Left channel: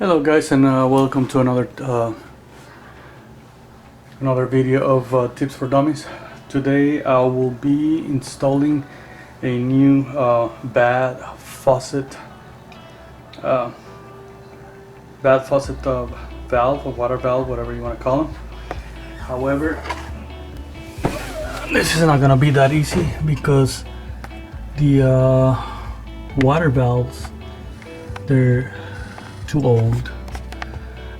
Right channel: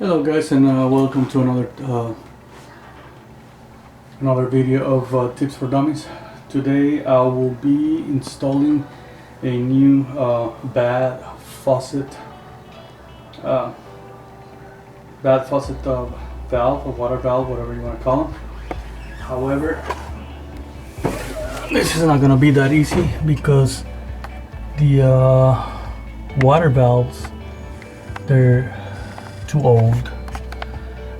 Hello guys, and welcome to another video of tips for dummies. Today I will be installing a new bad faucet valve or water valve, whatever you want to call them. However, this is not gonna be that easy because the water valves, they're too old,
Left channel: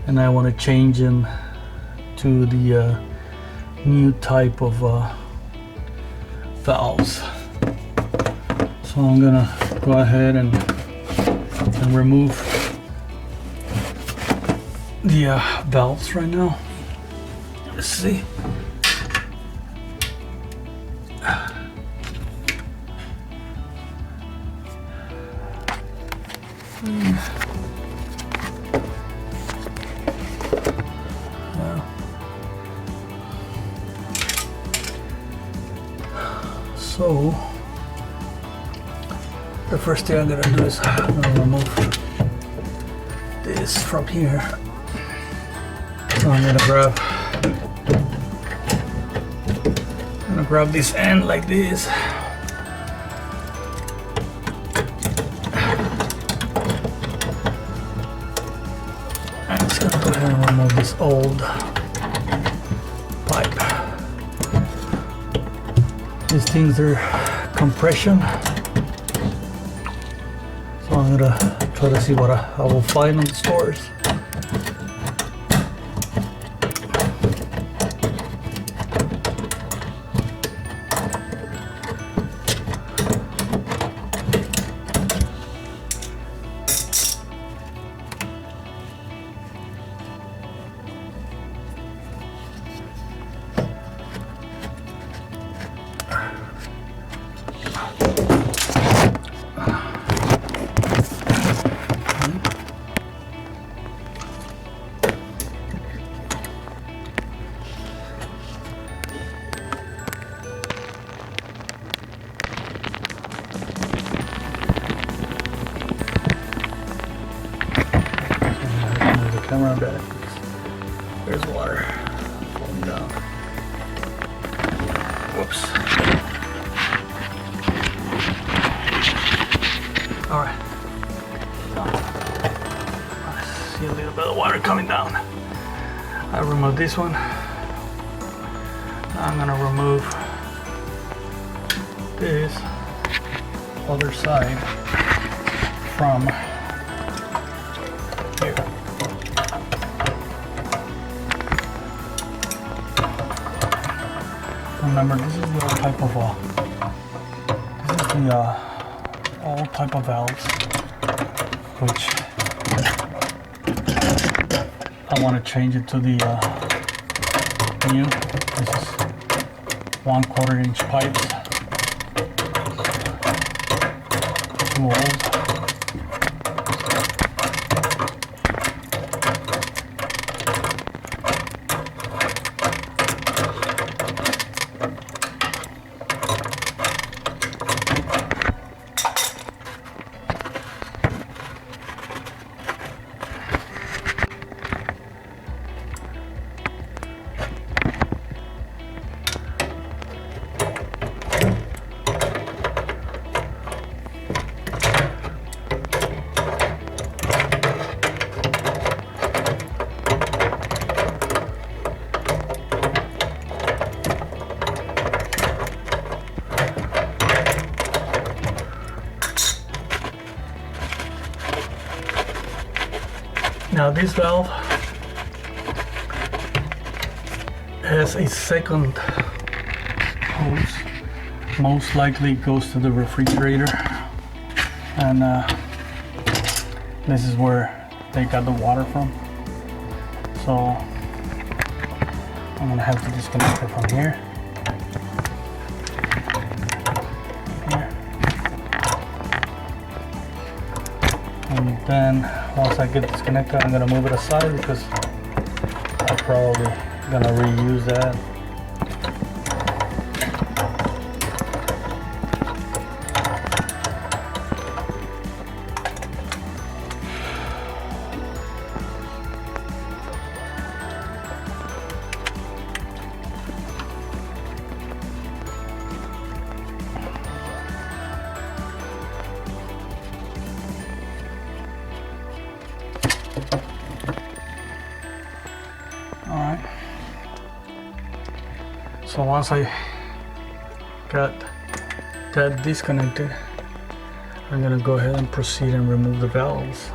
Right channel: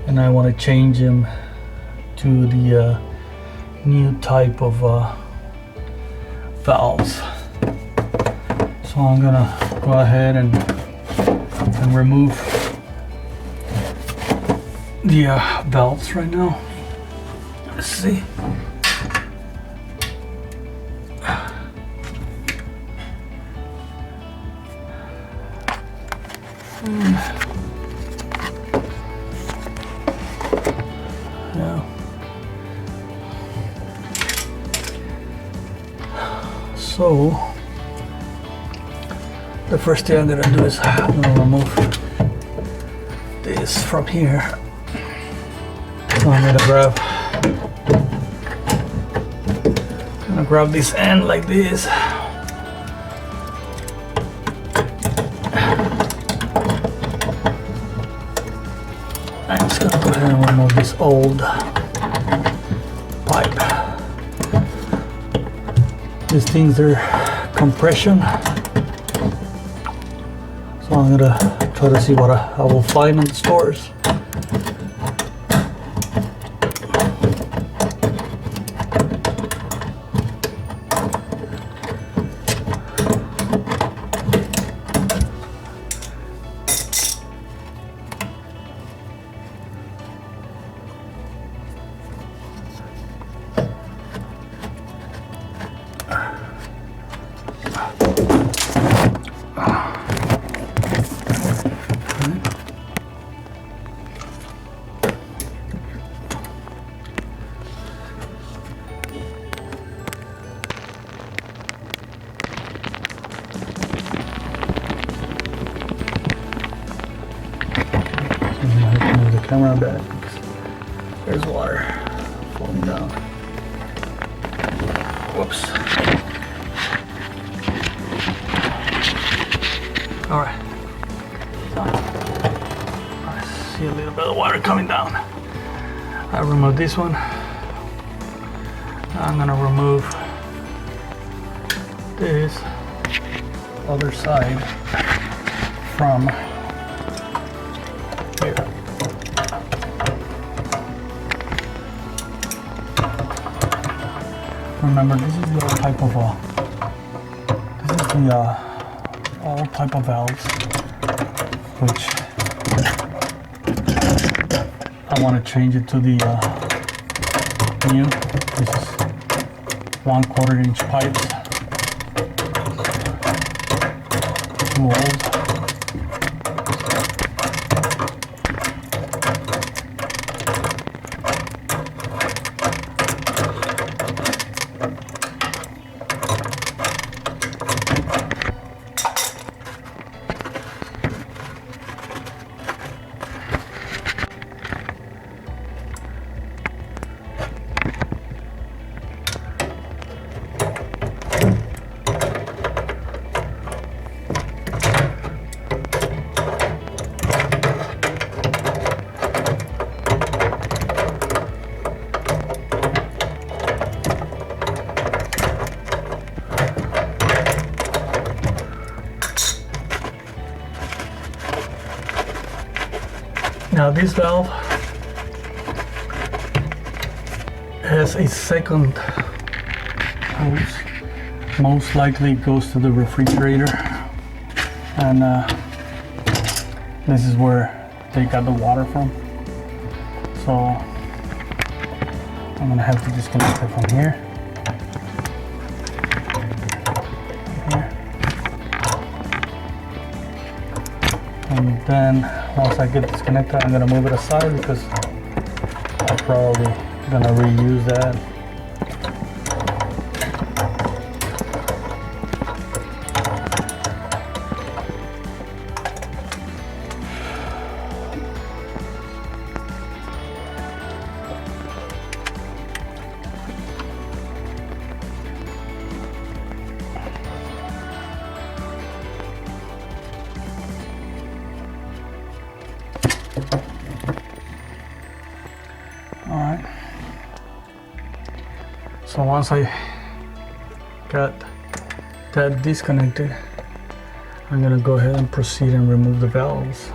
and I want to change them to the new type of valves. So I'm gonna go ahead and remove the valves right now. Let's see. So the first thing I'm gonna do is I'm gonna remove this from here. So I'm gonna grab this end like this. I'm just gonna go ahead and remove this old pipe. These things are compression, so I'm gonna try to see what I will find in the stores. Camera back. There's water falling down. Whoops. All right. I see a little bit of water coming down. I removed this one. Now I'm gonna remove this other side from here. Remember, this is the type of old type of valves, which I want to change it to the new. This is 1/4 inch pipes. Too old. Now this valve has a second hose. Most likely it goes to the refrigerator, and this is where they got the water from. So I'm gonna have to disconnect it from here. And then once I get disconnected, I'm gonna move it aside because I'm probably gonna reuse that. Alright. So once I got that disconnected, I'm going to go ahead and proceed and remove the valves.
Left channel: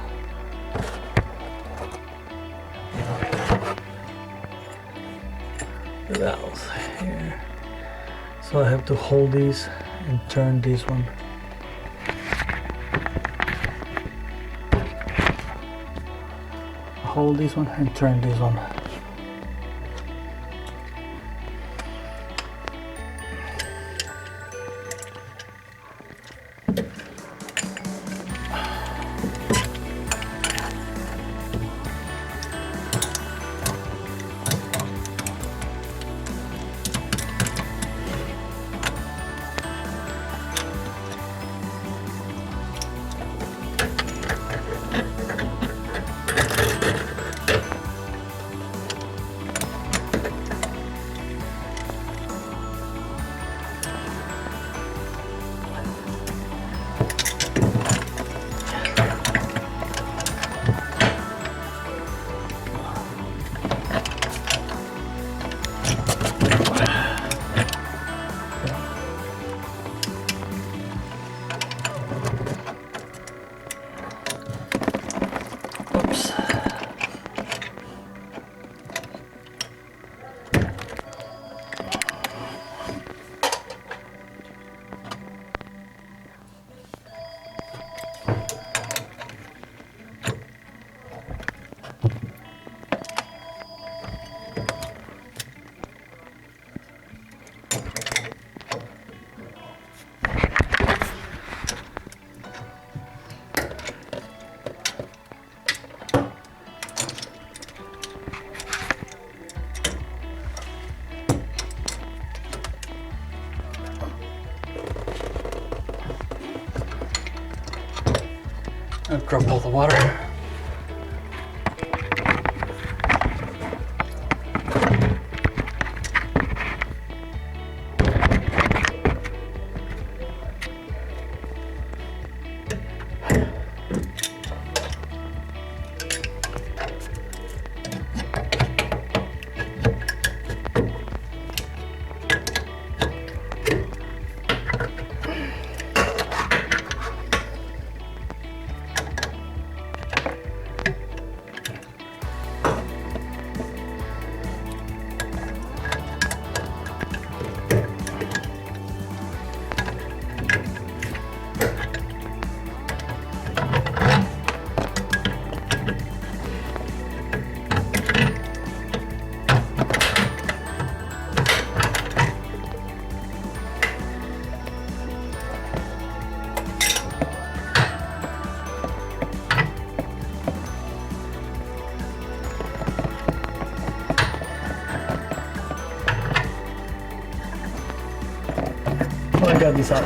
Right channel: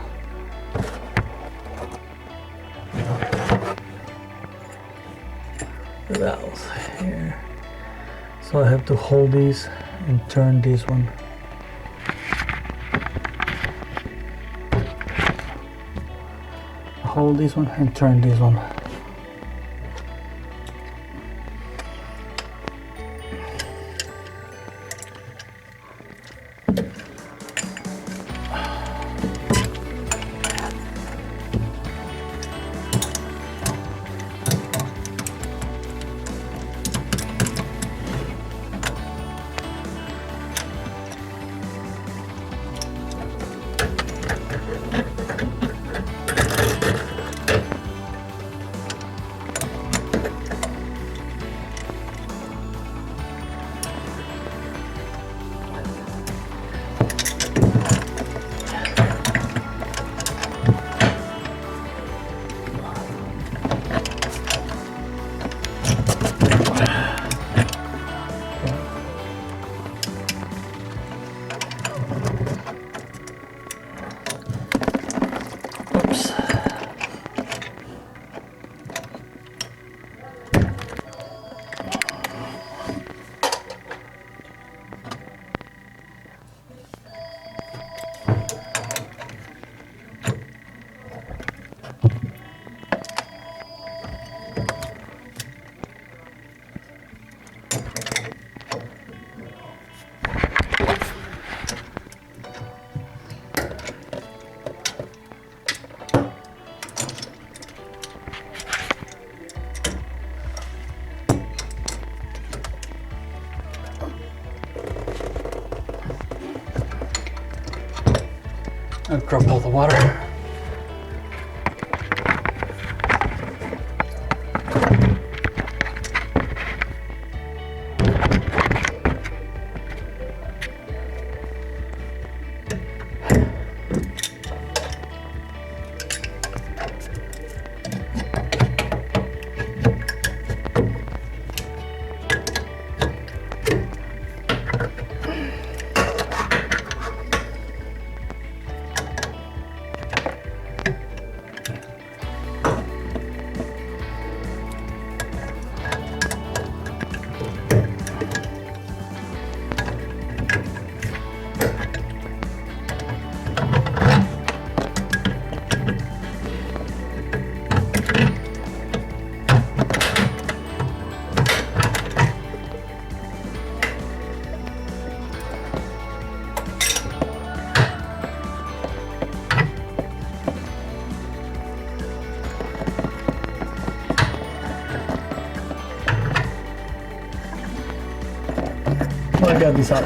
The valves here. So I have to hold these and turn this one. Hold this one and turn this one. I drop all the water. I got this out.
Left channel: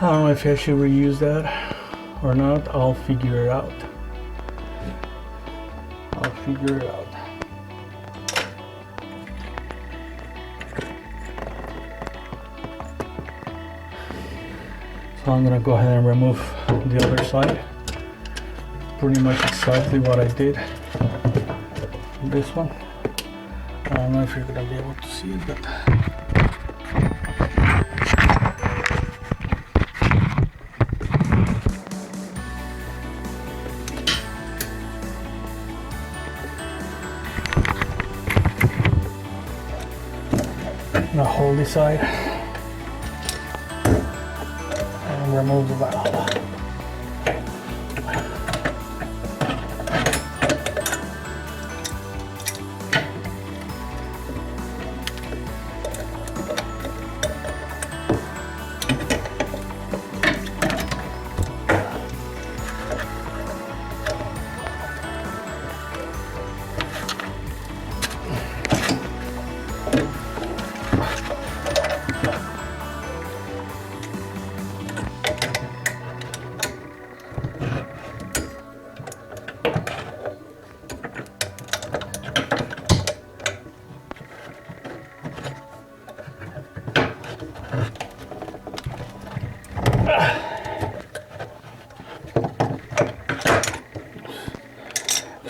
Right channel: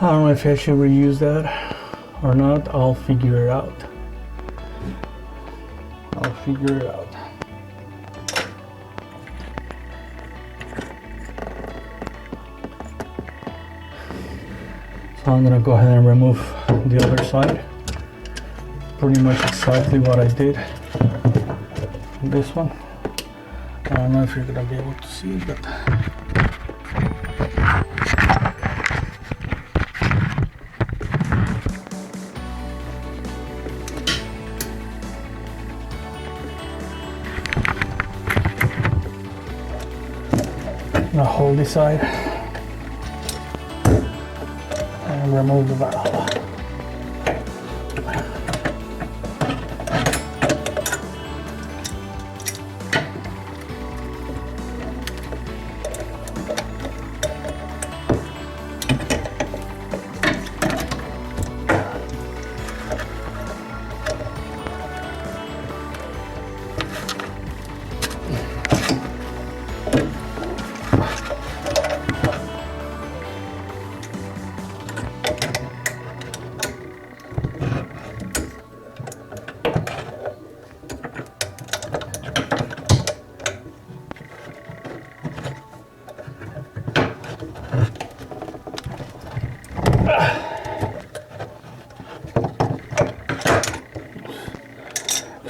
I don't know if I should reuse that or not. I'll figure it out. So I'm gonna go ahead and remove the other side. Pretty much exactly what I did on this one. I don't know if you're gonna be able to see it, but now hold this side and remove the valve.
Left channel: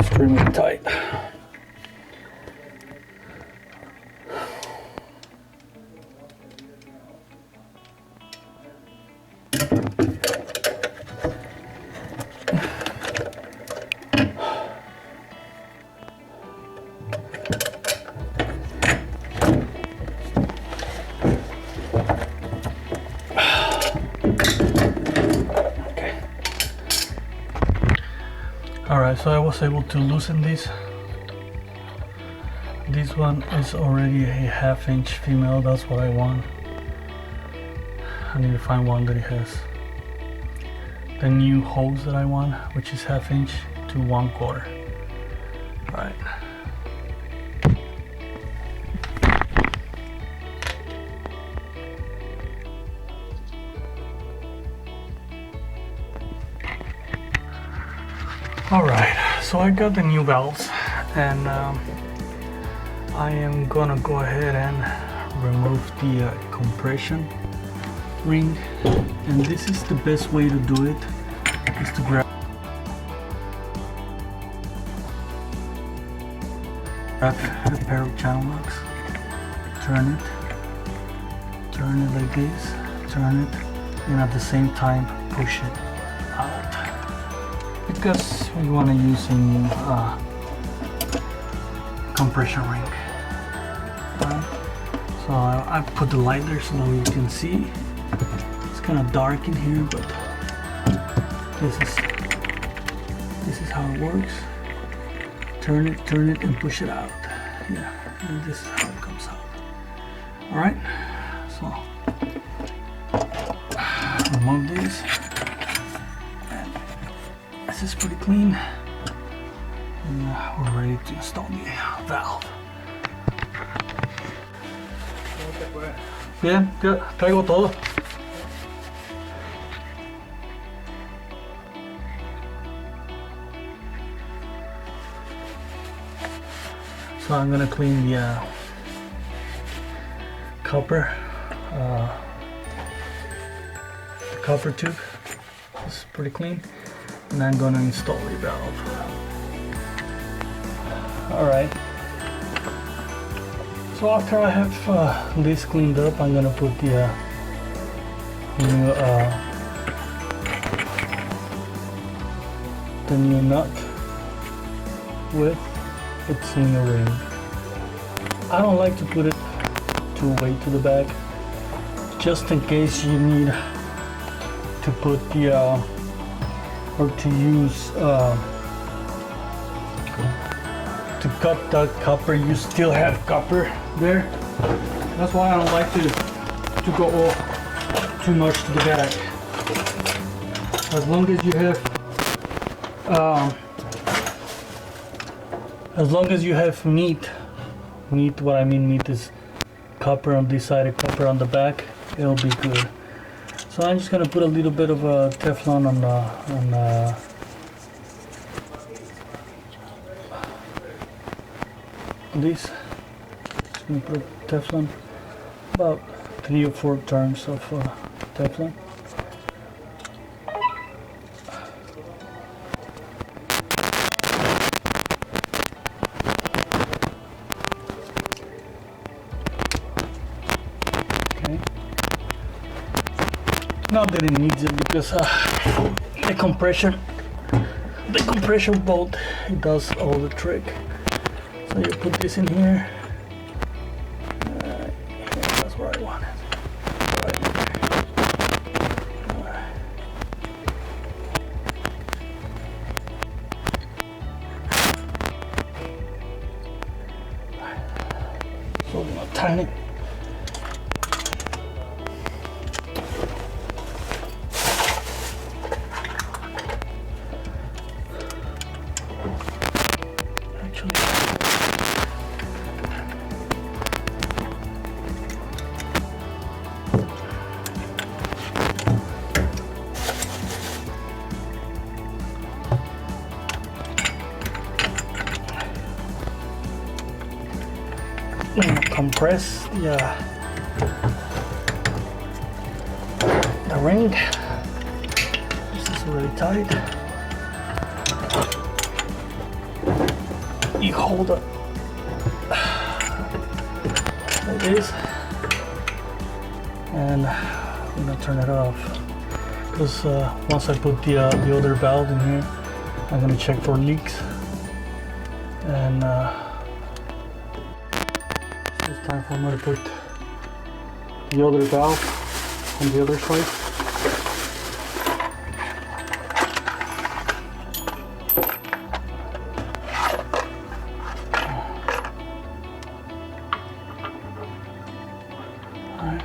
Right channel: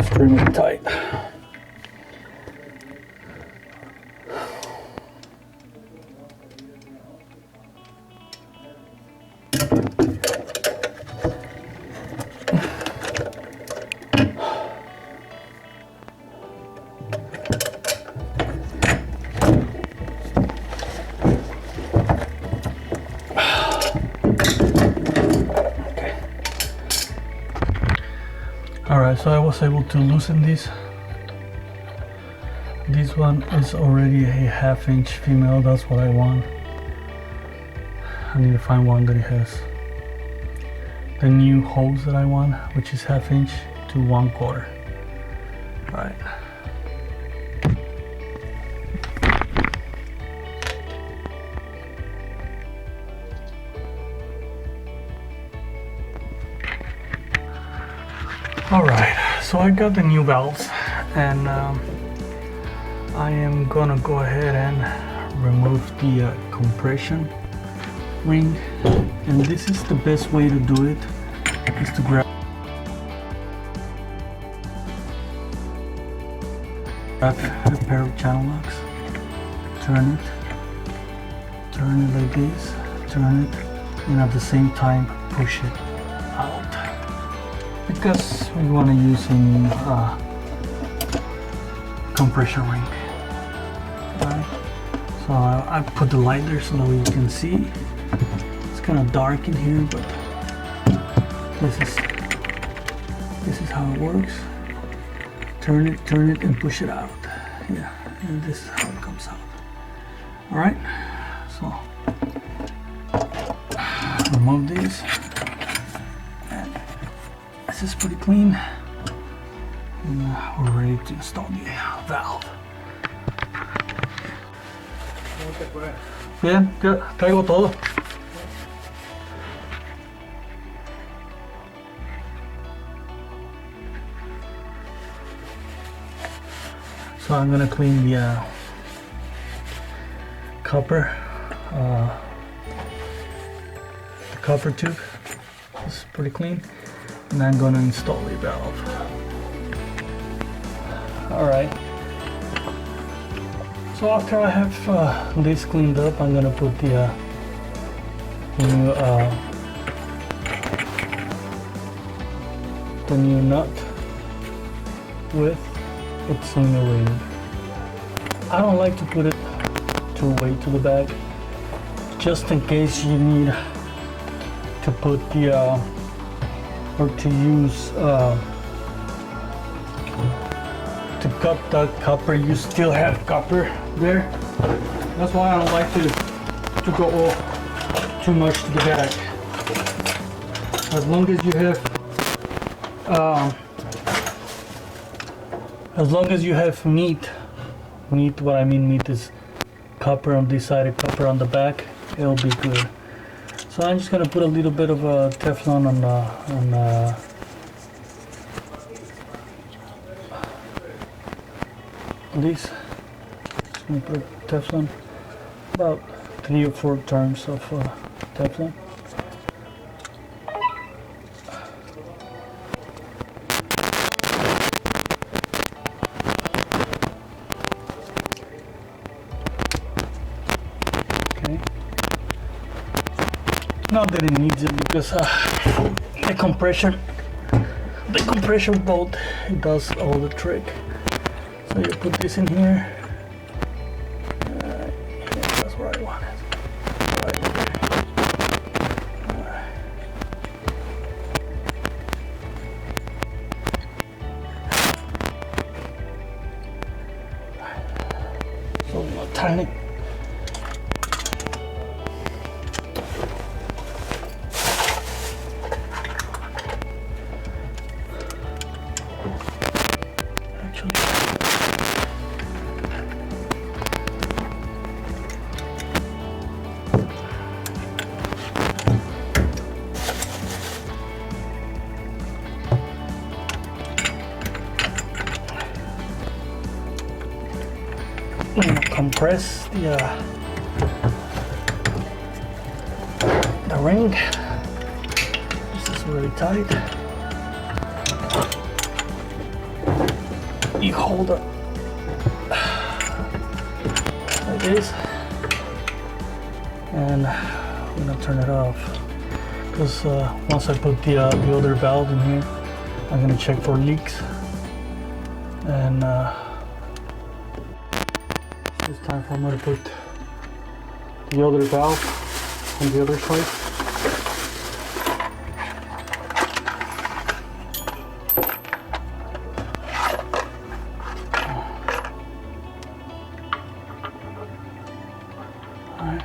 Extremely tight. Alright, so I was able to loosen this. This one is already a 1/2 inch female, that's what I want. I need to find one that has the new hose that I want, which is 1/2 inch to 1/4. Alright. Alright, so I got the new valves, and I am gonna go ahead and remove the compression ring, and this is the best way to do it, is to grab a pair of channel locks, turn it like this, turn it, and at the same time push it out, because we want to use a new compression ring. So I put the light there so that you can see. It's kind of dark in here, but this is how it works. Turn it, and push it out. Yeah, and this is how it comes out. All right. So remove this. This is pretty clean. And we're ready to install the valve. Bien, ya traigo todo. So I'm gonna clean the copper tube. This is pretty clean, and I'm gonna install the valve. All right. So after I have this cleaned up, I'm gonna put the new nut with its in the ring. I don't like to put it too way to the back, just in case you need to put the or to use to cut that copper. You still have copper there. That's why I don't like to go off too much to the back. As long as you have meat, what I mean meat is copper on this side and copper on the back, it'll be good. So I'm just gonna put a little bit of Teflon on this. I'm gonna put Teflon, about 3 or 4 turns of Teflon. Okay. Not that it needs it, because the compression bolt, it does all the trick. So you put this in here. That's where I want it. Right there. So tiny. Compress the ring. very tight. You hold it like this, and I'm gonna turn it off. Because once I put the other valve in here, I'm gonna check for leaks. And it's time for me to put the other valve on the other side. Alright.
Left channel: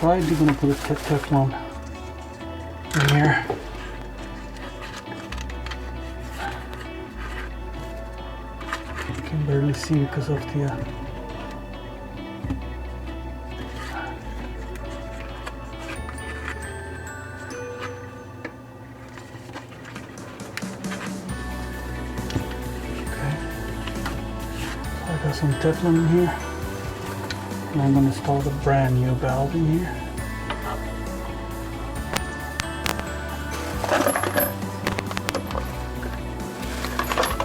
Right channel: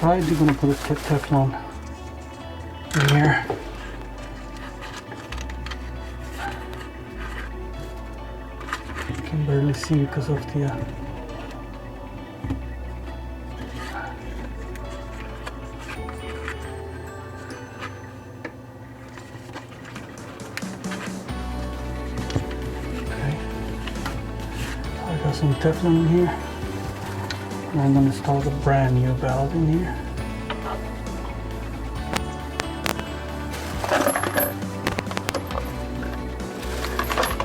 So I'm gonna put a Teflon in here. You can barely see because of the some Teflon in here, and I'm going to install a brand new valve in here.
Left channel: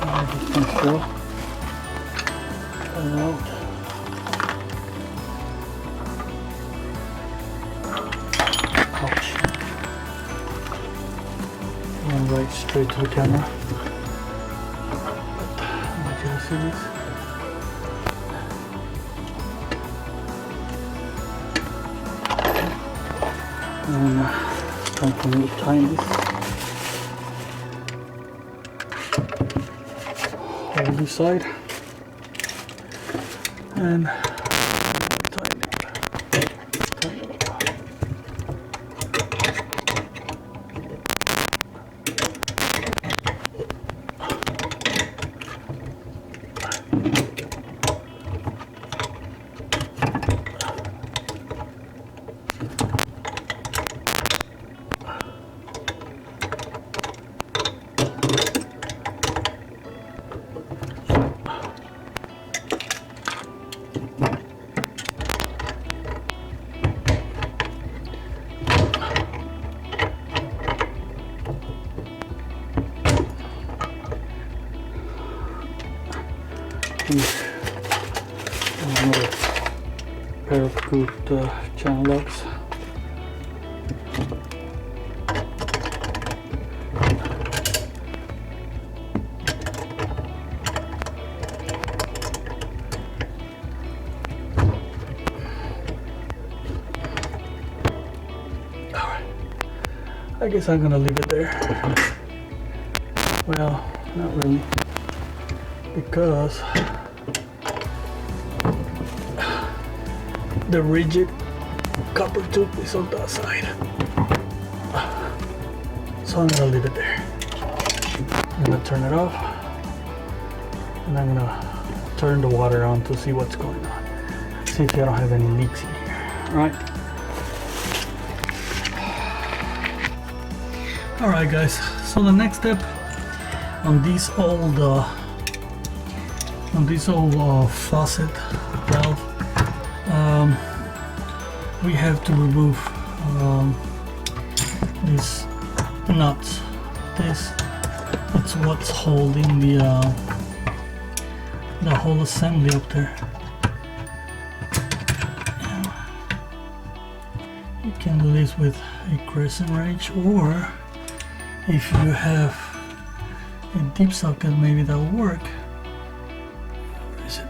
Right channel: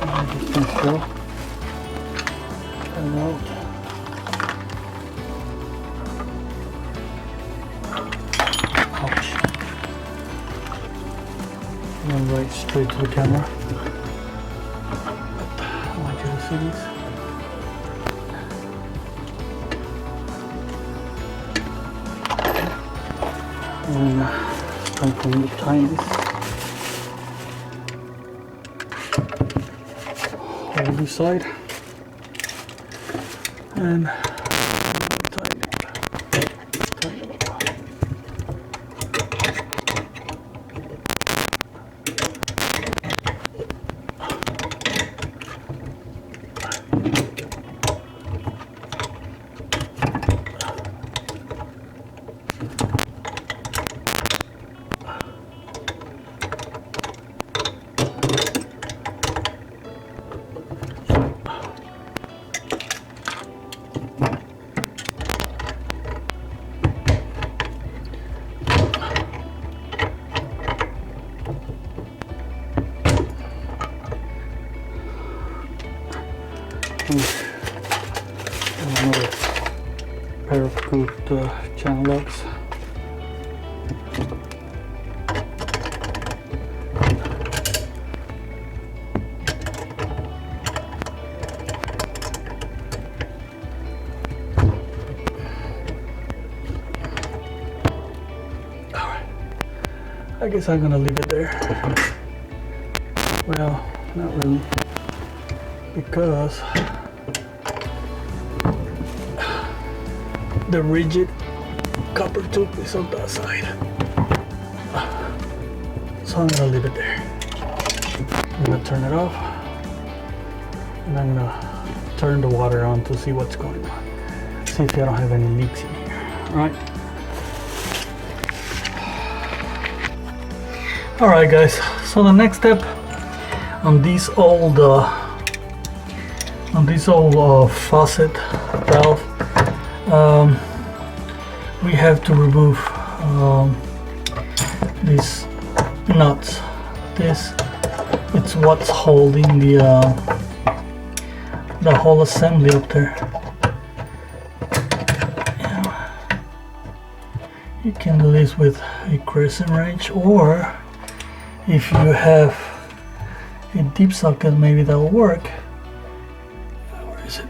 And just install it out. Ouch. And right straight to the camera. I want you to see this. Time for me to tighten this. Hold this side and tighten it. Tighten it up. Another pair of good channel locks. Alright, I guess I'm gonna leave it there. Well, not really, because the rigid copper tube is on that side, so I'm gonna leave it there. I'm gonna turn it off, and I'm gonna turn the water on to see what's going on, see if I don't have any leaks in here. Right. Alright guys, so the next step on these old faucet valve, we have to remove these nuts. It's what's holding the whole assembly up there. You can do this with a crescent wrench, or if you have a deep socket, maybe that will work. Where is it?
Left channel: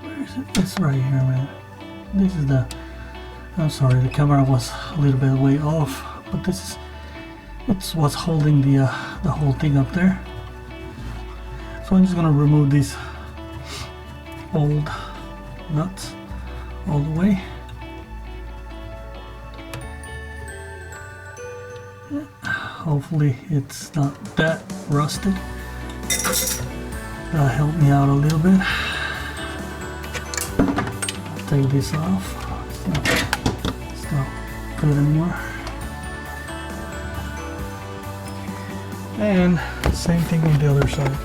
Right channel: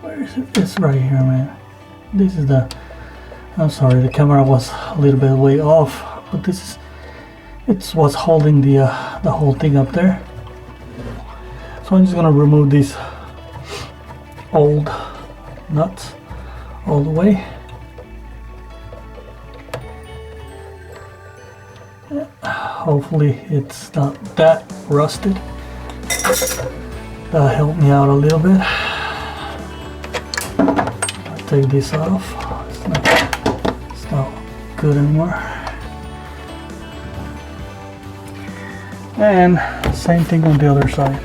Where is it? It's right here, man. This is the, I'm sorry, the camera was a little bit way off, but it's what's holding the whole thing up there. So I'm just gonna remove these old nuts all the way. Hopefully it's not that rusted. That'll help me out a little bit. I'll take this off. It's not good anymore. And same thing on the other side.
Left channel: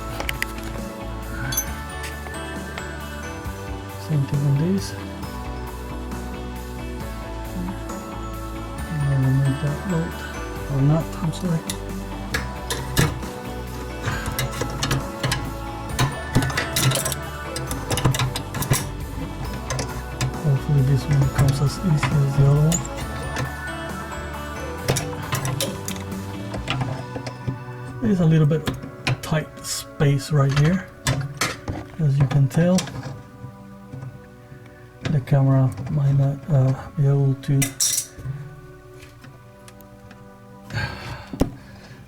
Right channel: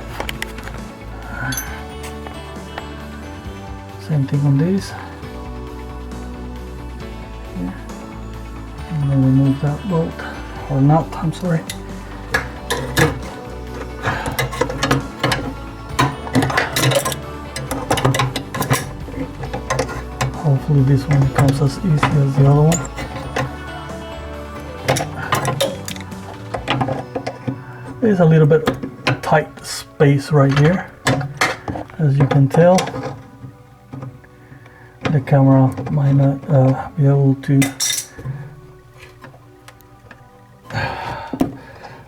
Same thing on this. I'm gonna remove remove that bolt, or not, I'm sorry. Hopefully this one comes as easy as the other one. There's a little bit of tight space right here, as you can tell. The camera might not be able to,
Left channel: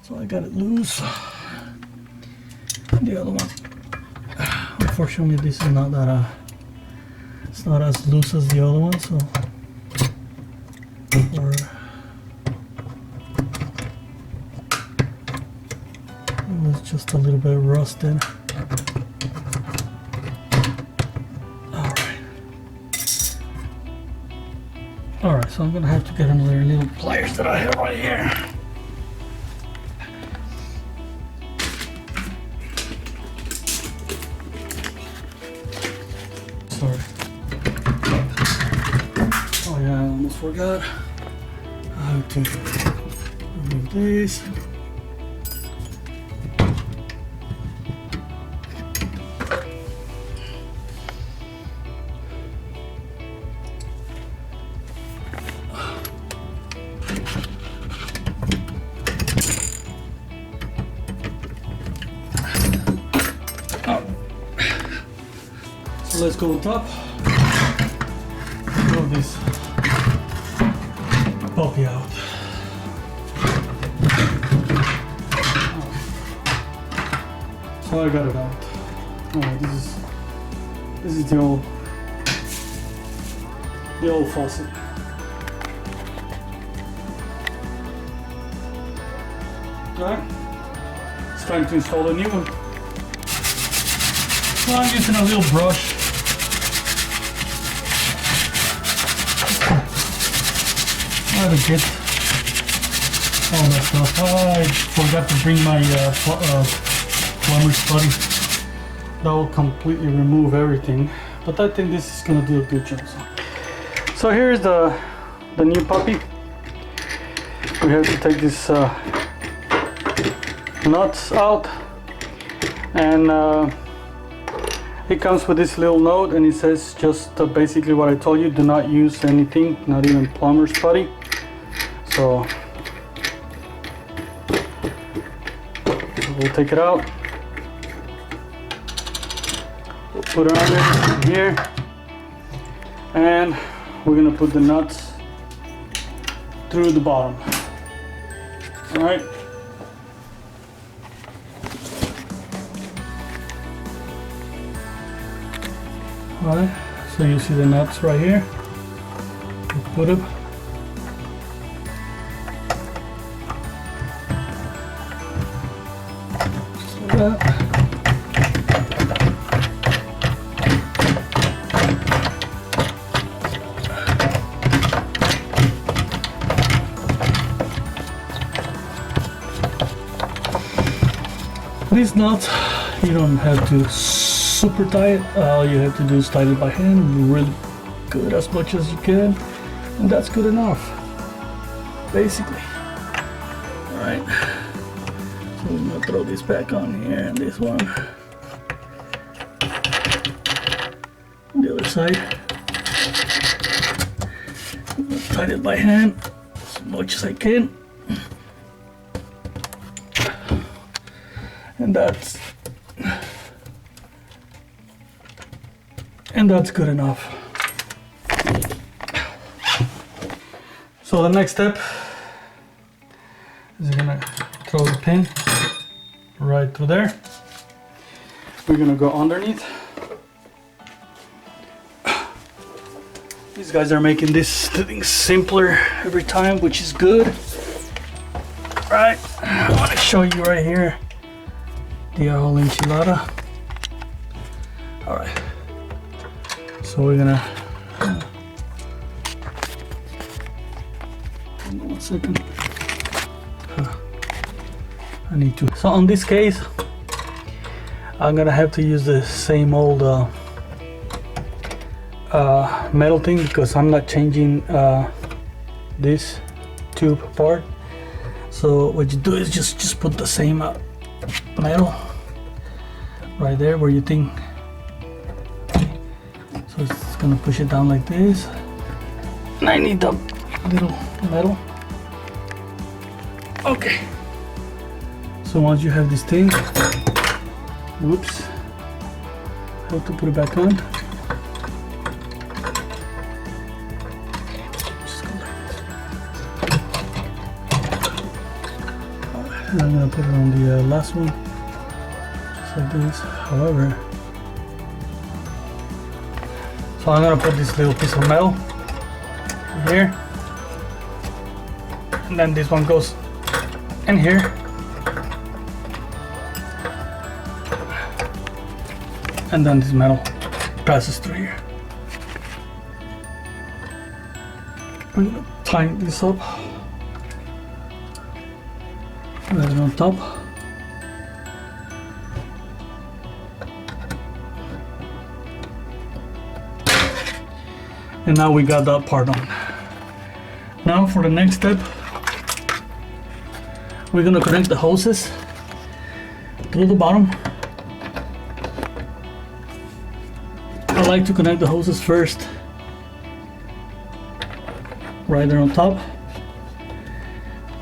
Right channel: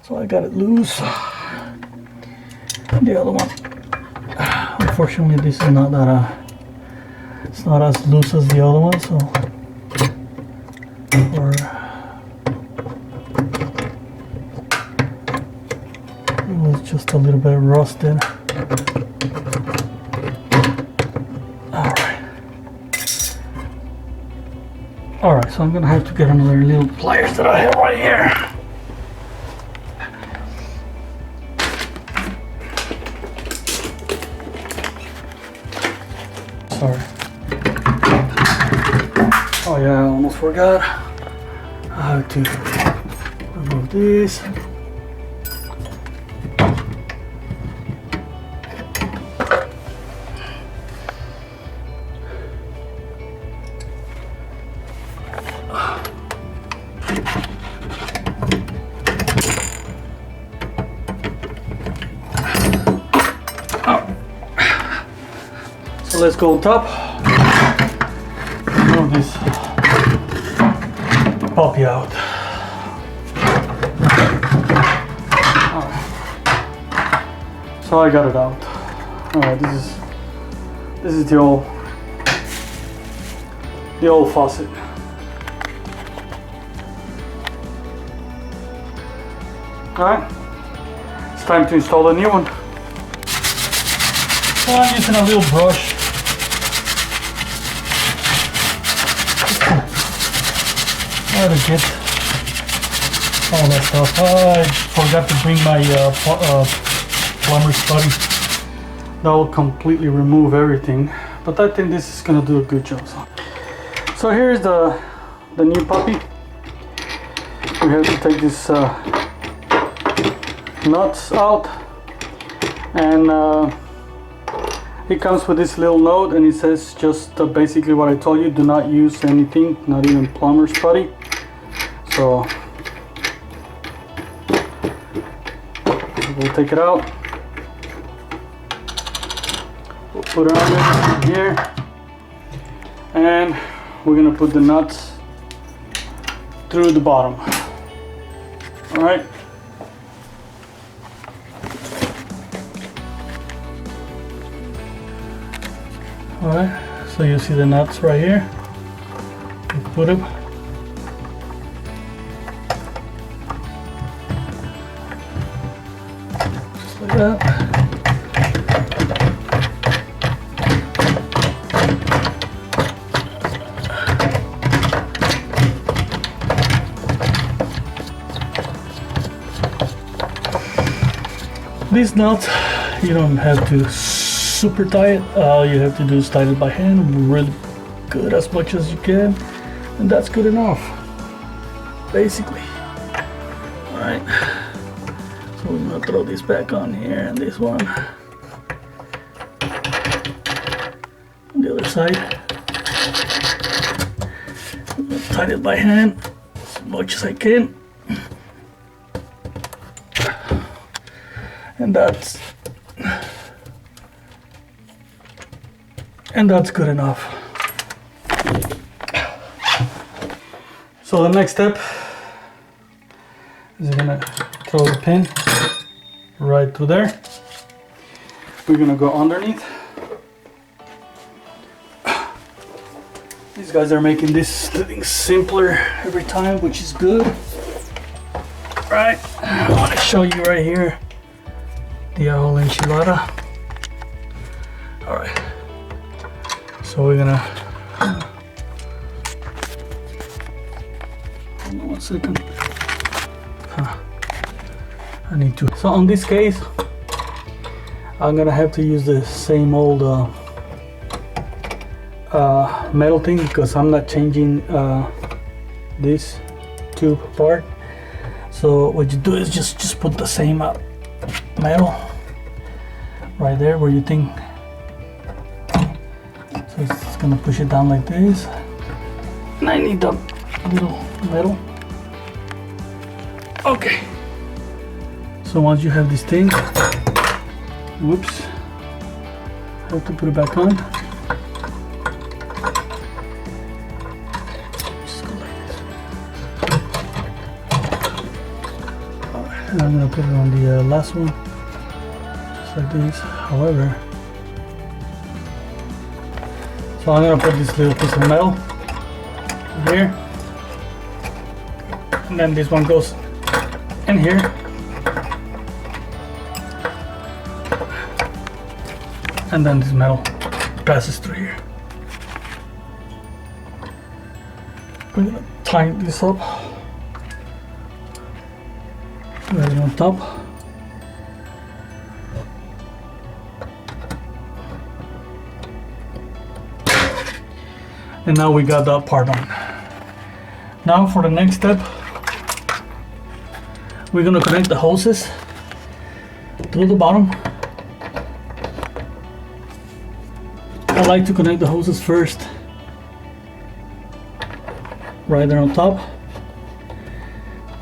so I got it loose. The other one, unfortunately, this is not that it's not as loose as the other one, so it was just a little bit rusted. Alright, so I'm gonna have to get another little pliers that I have right here. Sorry. Oh yeah, I almost forgot. I have to remove this. So let's go on top. Move this puppy out. Right. So I got it out. Alright, this is the old faucet. Alright, it's time to install a new one. So I'm using a little brush. How to get all that stuff. I forgot to bring my plumber's putty. That will completely remove everything, but I think this is gonna do a good job. So here's the new puppy. We have to take this nuts out, and it comes with this little note, and it says just basically what I told you: do not use anything, not even plumber's putty. So we'll take it out. We'll put it on here, and we're gonna put the nuts through the bottom. All right. Alright, so you see the nuts right here. You put them. Just like that. These nuts, you don't have to super tight. All you have to do is tighten it by hand, really good, as much as you can, and that's good enough, basically. All right, so I'm gonna throw this back on here, and this one on the other side. I'm gonna tighten it by hand as much as I can, and that's good enough. So the next step is you're gonna throw the pin right through there. We're gonna go underneath. These guys are making this thing simpler every time, which is good. Right, I want to show you right here the whole enchilada. All right. So we're gonna hold on 1 second. I need to. So on this case, I'm gonna have to use the same old metal thing, because I'm not changing this tube part. So what you do is just put the same metal right there where you think. So it's gonna push it down like this. And I need the little metal. Okay. So once you have this thing, whoops, I have to put it back on. Just go like this. And I'm gonna put it on the last one, just like this. However, so I'm gonna put this little piece of metal here, and then this one goes in here, and then this metal passes through here. We're gonna tighten this up, put it on top. And now we got that part on. Now for the next step, we're gonna connect the hoses through the bottom. I like to connect the hoses first, right there on top,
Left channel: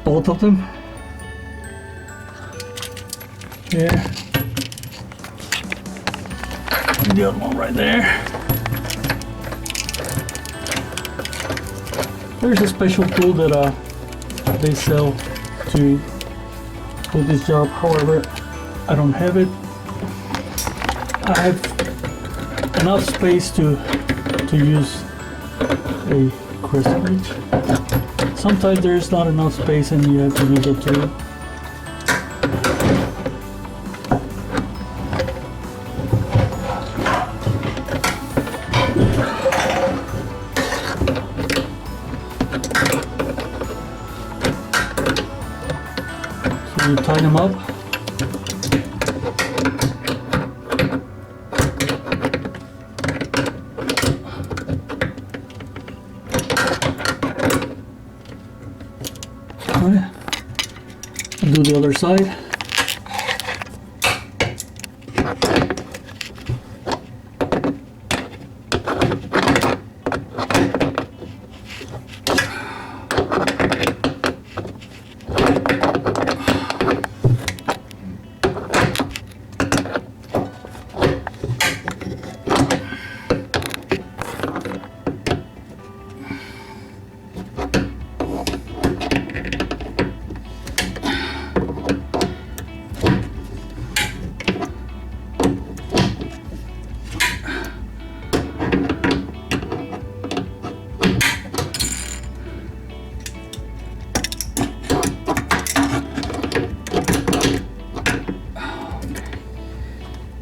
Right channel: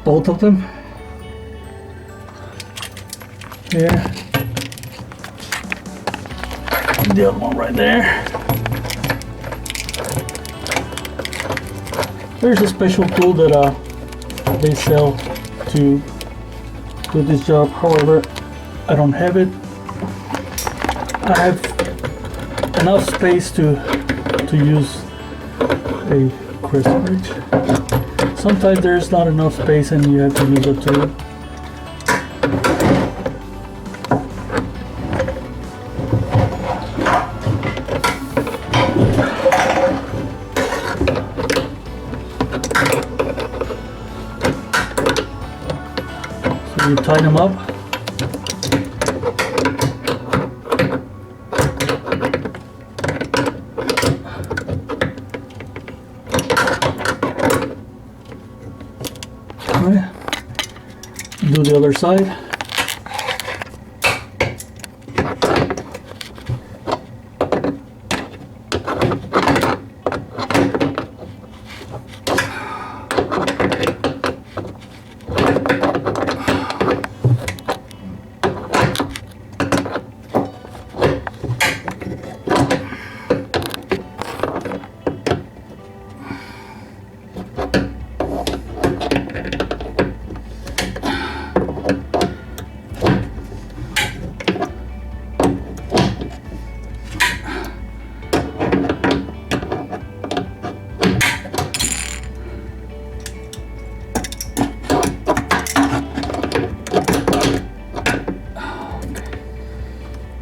both of them. Here, and the other one right there. There's a special tool that they sell to do this job. However, I don't have it. I have enough space to use a crisp ridge. Sometimes there's not enough space and you have to use a tool. You tighten them up. All right. And do the other side.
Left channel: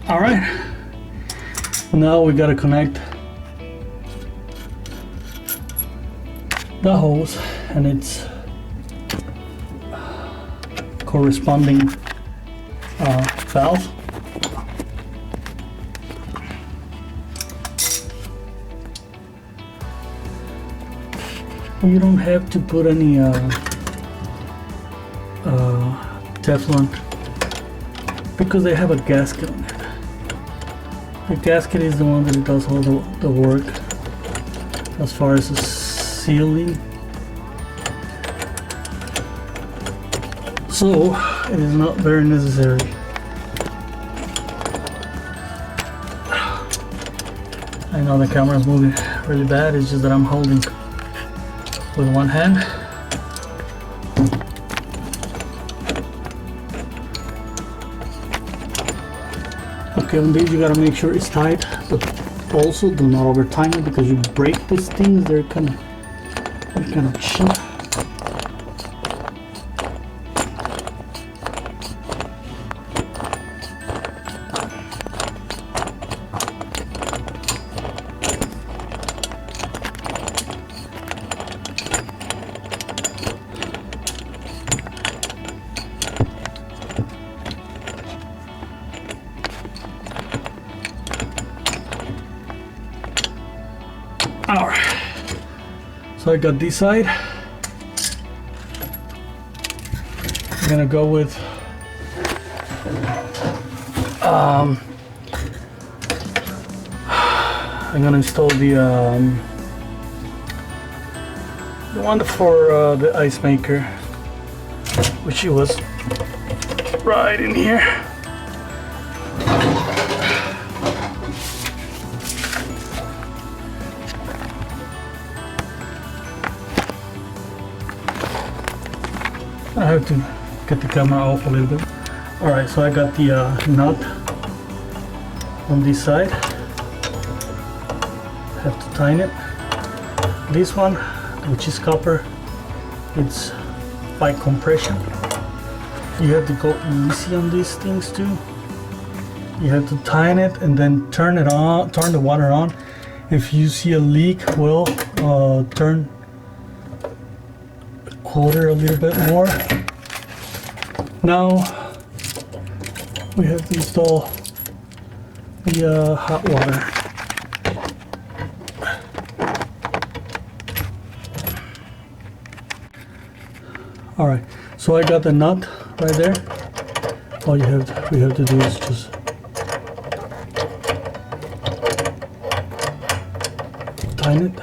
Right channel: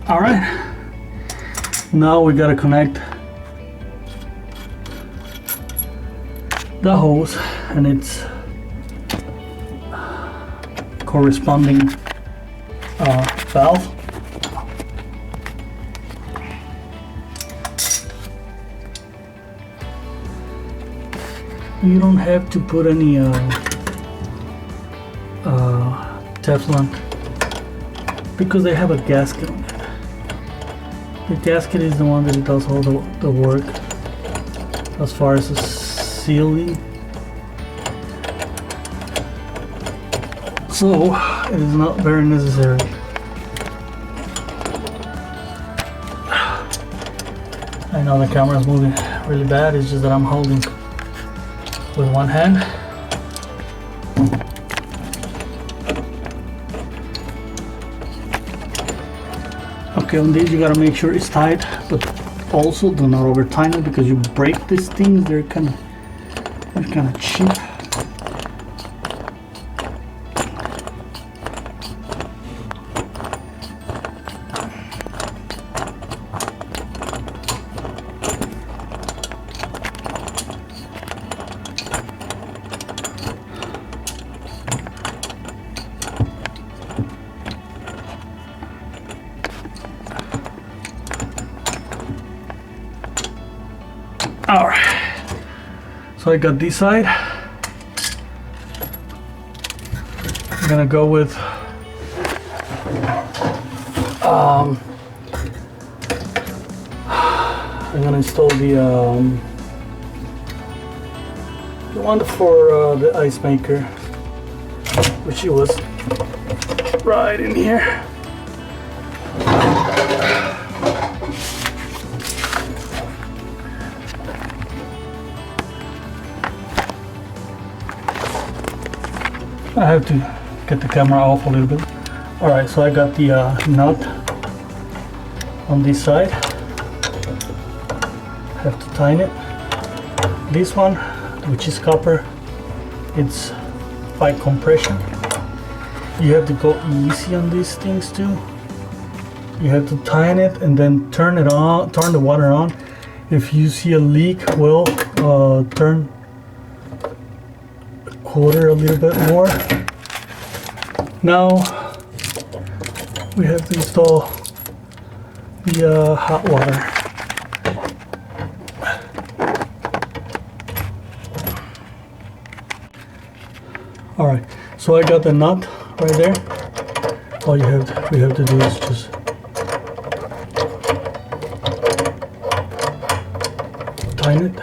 All right, now we gotta connect the hose and its corresponding valve. You don't have to put any Teflon because they have a gasket on it. The gasket is the one that does all the work as far as the sealing. So it is not very necessary. I know the camera is moving really bad, it's just that I'm holding with one hand. Okay, on these you gotta make sure it's tight, but also do not over tighten it because you break these things, they're kind of cheap. Alright, so I got this side, I'm gonna go with I'm gonna install the one for the ice maker, which it was right in here. I have to get the camera off a little bit. Alright, so I got the nut on this side. Have to tighten it. This one, which is copper, it's by compression. You have to go easy on these things too. You have to tighten it and then turn it on, turn the water on. If you see a leak, well, turn a quarter a little bit more. Now we have to install the hot water. All right, so I got the nut right there. All we have to do is just tighten it.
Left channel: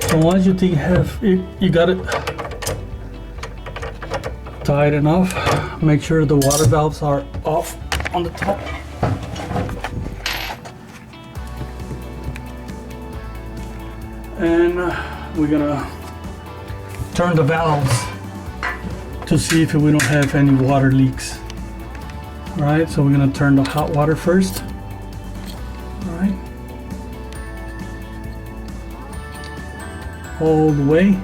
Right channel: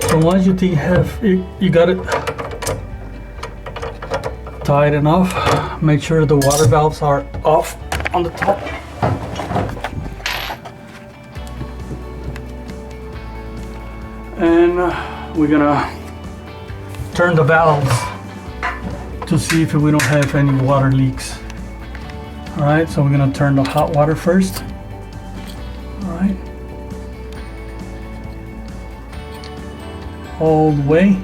So once you think you got it tight enough, make sure the water valves are off on the top. And we're gonna turn the valves to see if we don't have any water leaks. All right, so we're gonna turn the hot water first. All right. All the way.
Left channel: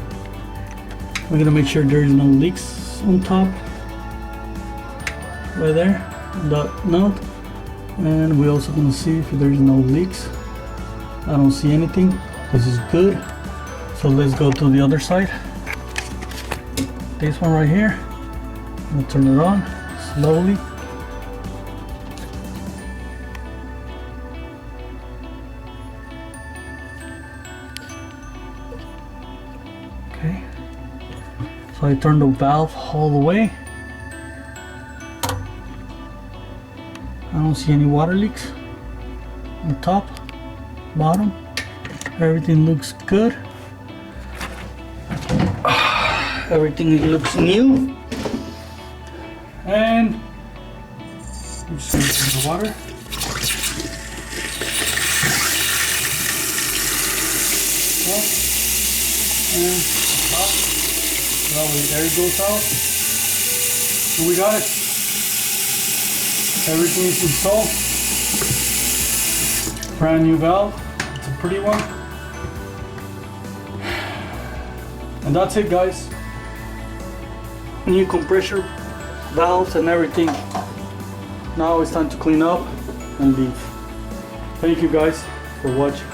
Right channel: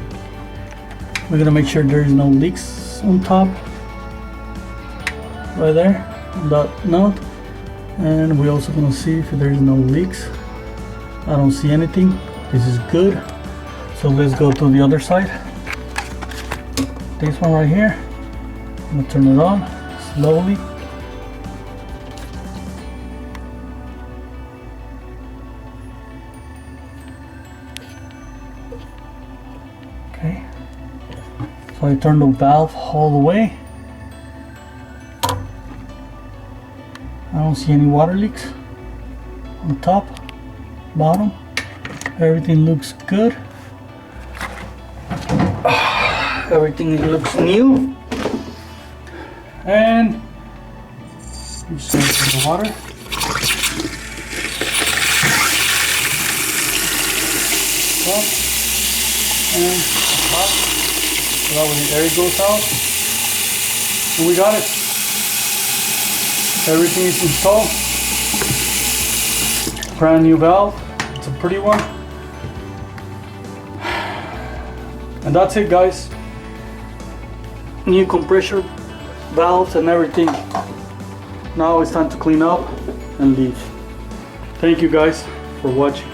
We're gonna make sure there is no leaks on top. Right there, that nut. And we're also gonna see if there is no leaks. I don't see anything. This is good. So let's go to the other side. This one right here. I'm gonna turn it on slowly. Okay. So I turn the valve all the way. I don't see any water leaks on the top, bottom. Everything looks good. Everything looks new. And you send the water. Up and up. Now when the air goes out, and we got it. Everything is installed. Brand new valve. It's a pretty one. And that's it, guys. New compressor valves and everything. Now it's time to clean up and leave. Thank you guys for watching.